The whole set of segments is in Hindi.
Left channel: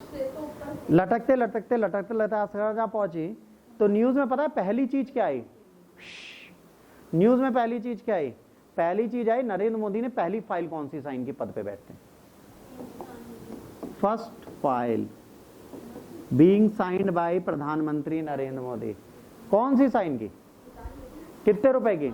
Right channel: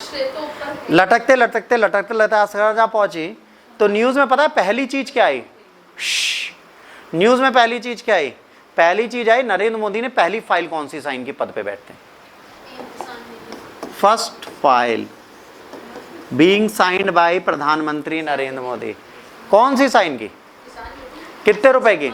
लटकते लटकते लटकते लटकते जहाँ पहुंची तो न्यूज में पता है पहली चीज क्या आई? न्यूज में पहली चीज क्या आई? पहली चीज आई नरेंद्र मोदी ने पहली फाइल कौन सी साइन की पद पे बैठते हैं? First file being signed by प्रधानमंत्री नरेंद्र मोदी। कौन सी साइन की? कितने रुपए की?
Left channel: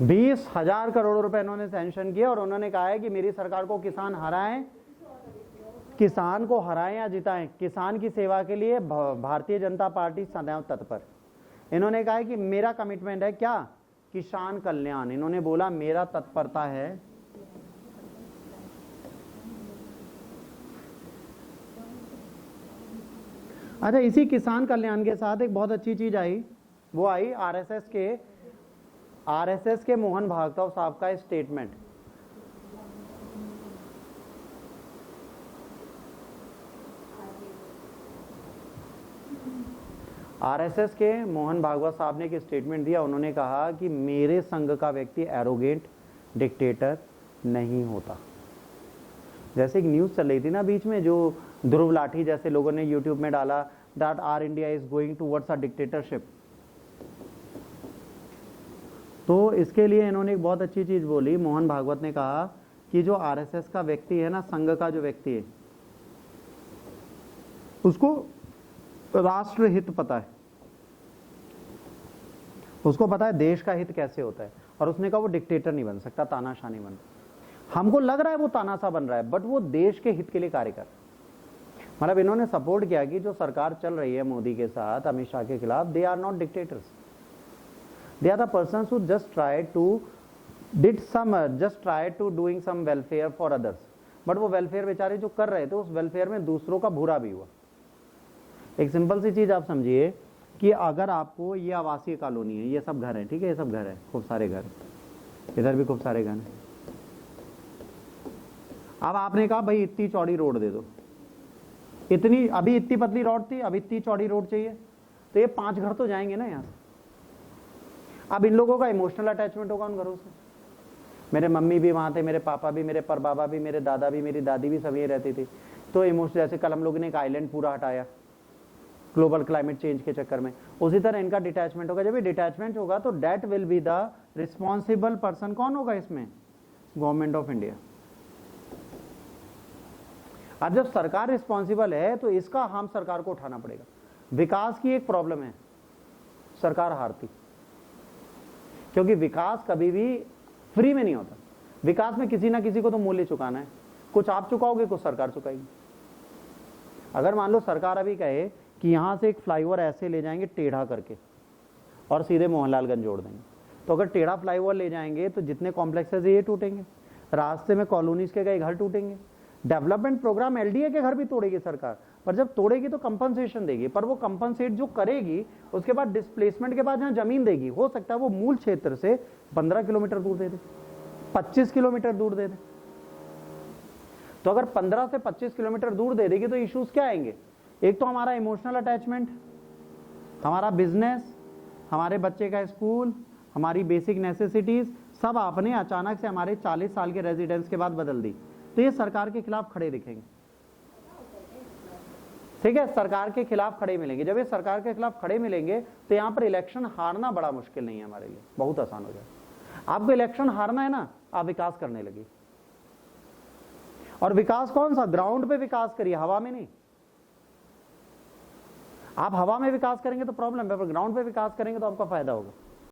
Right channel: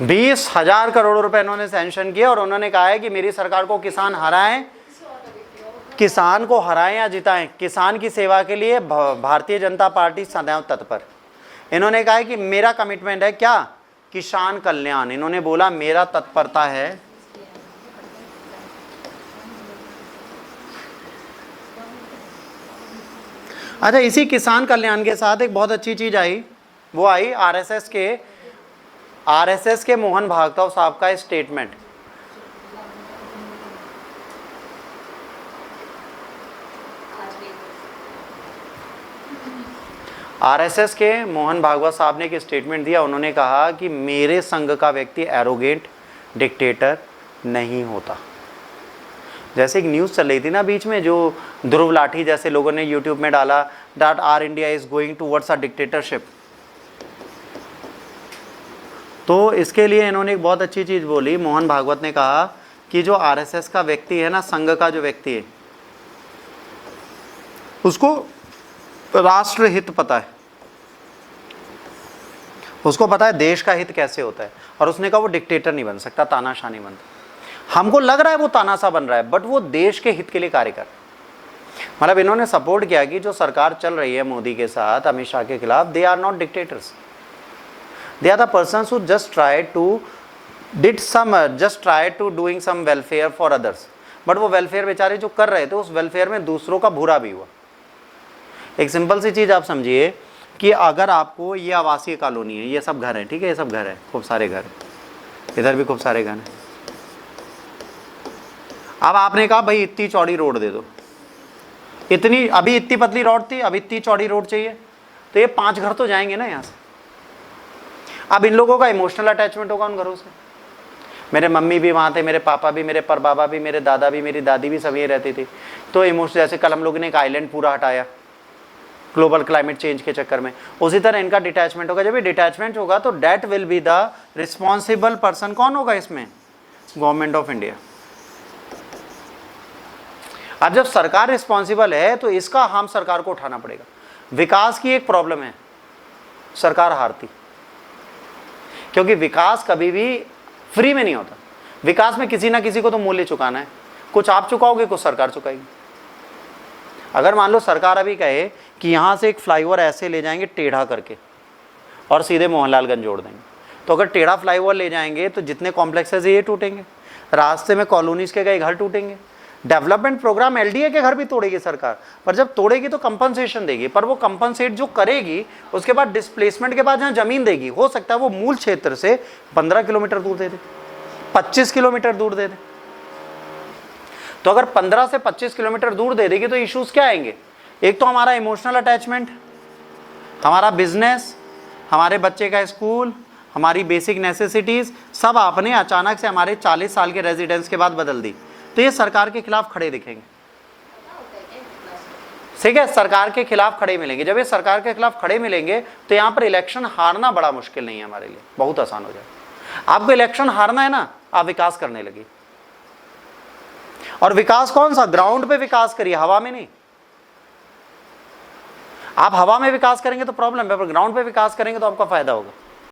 ₹20,000 करोड़ रुपए इन्होंने सैंक्शन किया और उन्होंने कहा है कि मेरी सरकार को किसान हराएं, किसान को हराएं या जिताएं, किसान की सेवा के लिए भारतीय जनता पार्टी सदैव तत्पर। इन्होंने कहा है कि मेरा कमिटमेंट है क्या? किसान कल्याण। इन्होंने बोला मेरा तत्परता है अच्छा। इसी किसान कल्याण के साथ एक बहुत अच्छी चीज आई, वो आई आरएसएस के मोहन भागवत साहब का स्टेटमेंट। आरएसएस के मोहन भागवत साहब ने एक स्टेटमेंट दिया। उन्होंने कहा कि मेरे संघ का व्यक्ति एरोगेंट डिक्टेटर नहीं होता। जैसे एक न्यूज़ चल रही थी ना बीच में, जो ध्रुव लाठी जैसे लोगों ने यूट्यूब में डाला that R India is going towards a dictatorship. तो इसके लिए इन्होंने एक बहुत अच्छी चीज़ बोली। मोहन भागवत ने कहा कि जो आरएसएस का व्यक्ति है ना, संघ का जो व्यक्ति है, उसको राष्ट्र हित पता है, उसको पता है देश का हित कैसे होता है। और उसने कहा वो डिक्टेटर नहीं बन सकता, तानाशाह नहीं बनता। हमको लग रहा है वो तानाशाह बन रहा है, बट वो देश के हित के लिए कार्य कर रहा है। मतलब इन्होंने सपोर्ट किया कि जो सरकार चल रही है मोदी के साथ, अमित शाह के खिलाफ, they are not dictators, they are the persons who just try to doing some welfare for others. But वो वेलफेयर बेचारे जो कर रहे थे, उस वेलफेयर में दूसरों का बुरा भी हुआ। एक सिंपल सी चीज़ आप समझिए कि अगर आपको ये आवासीय कॉलोनी है, ये सब घर है, ठीक है, ये सब घर है, खूब सारे घर, इधर भी खूब सारे घर हैं। अब आपने कहा भाई इतनी चौड़ी रोड दे दो, इतनी अभी इतनी पतली रोड थी, अब इतनी चौड़ी रोड चाहिए, तो ये 5 घर तो जाएंगे ना यहाँ से। अब इन लोगों का इमोशनल अटैचमेंट होगा उन घरों से। मेरे मम्मी भी वहाँ थे, मेरे पापा भी, मेरे परबाबा भी, मेरे दादा भी, मेरी दादी भी, सब ये रहती थी। तो इमोशनल, जैसे कल हम लोगों ने एक आइलैंड पूरा हटाया ग्लोबल क्लाइमेट चेंज के चक्कर में, उसी तरह इनका डिटैचमेंट होगा। जब ये डिटैचमेंट होगा तो that will be the responsible person. कौन होगा इसमें? Government of India. अब जब सरकार रिस्पॉन्सिबल है तो इसका हम सरकार को उठाना पड़ेगा। विकास की एक प्रॉब्लम है, सरकार हारती, क्योंकि विकास कभी भी फ्री में नहीं होता। विकास में किसी ना किसी को तो मूल्य चुकाना है, कुछ आप चुकाओगे, कुछ सरकार चुकाएगी। अगर मान लो सरकार अभी कहे कि यहाँ से एक फ्लाईओवर ऐसे ले जाएंगे टेढ़ा करके और सीधे मोहनलालगंज जोड़ देंगे, तो अगर टेढ़ा फ्लाईओवर ले जाएंगे तो जितने कॉम्प्लेक्सेस ये टूटेंगे, रास्ते में कॉलोनीज के कई घर टूटेंगे। डेवलपमेंट प्रोग्राम एलडीए के घर भी तोड़ेगी सरकार, पर जब तोड़ेगी तो कंपनसेशन देगी। पर वो कंपनसेट जो करेगी उसके बाद डिस्प्लेसमेंट के बाद जहाँ जमीन देगी, हो सकता है वो मूल क्षेत्र से 15 किलोमीटर दूर दे दे, 25 किलोमीटर दूर दे दे। तो अगर 15 से 25 किलोमीटर दूर दे देगी तो इश्यूज क्या आएंगे? एक तो हमारा इमोशनल अटैचमेंट, हमारा बिजनेस, हमारे बच्चे का स्कूल, हमारी बेसिक नेसेसिटीज, सब आपने अचानक से हमारे 40 साल के रेजिडेंस के बाद बदल दी, तो ये सरकार के खिलाफ खड़े दिखेंगे। ठीक है, सरकार के खिलाफ खड़े मिलेंगे। जब ये सरकार के खिलाफ खड़े मिलेंगे तो यहाँ पर इलेक्शन हारना बड़ा मुश्किल नहीं है हमारे लिए, बहुत आसान हो जाए। आपको इलेक्शन हारना है ना, आप विकास करने लगे। और विकास कौन सा? ग्राउंड पे विकास करिए, हवा में नहीं। आप हवा में विकास करेंगे तो प्रॉब्लम है, पर ग्राउंड पे विकास करेंगे तो आपका फायदा होगा।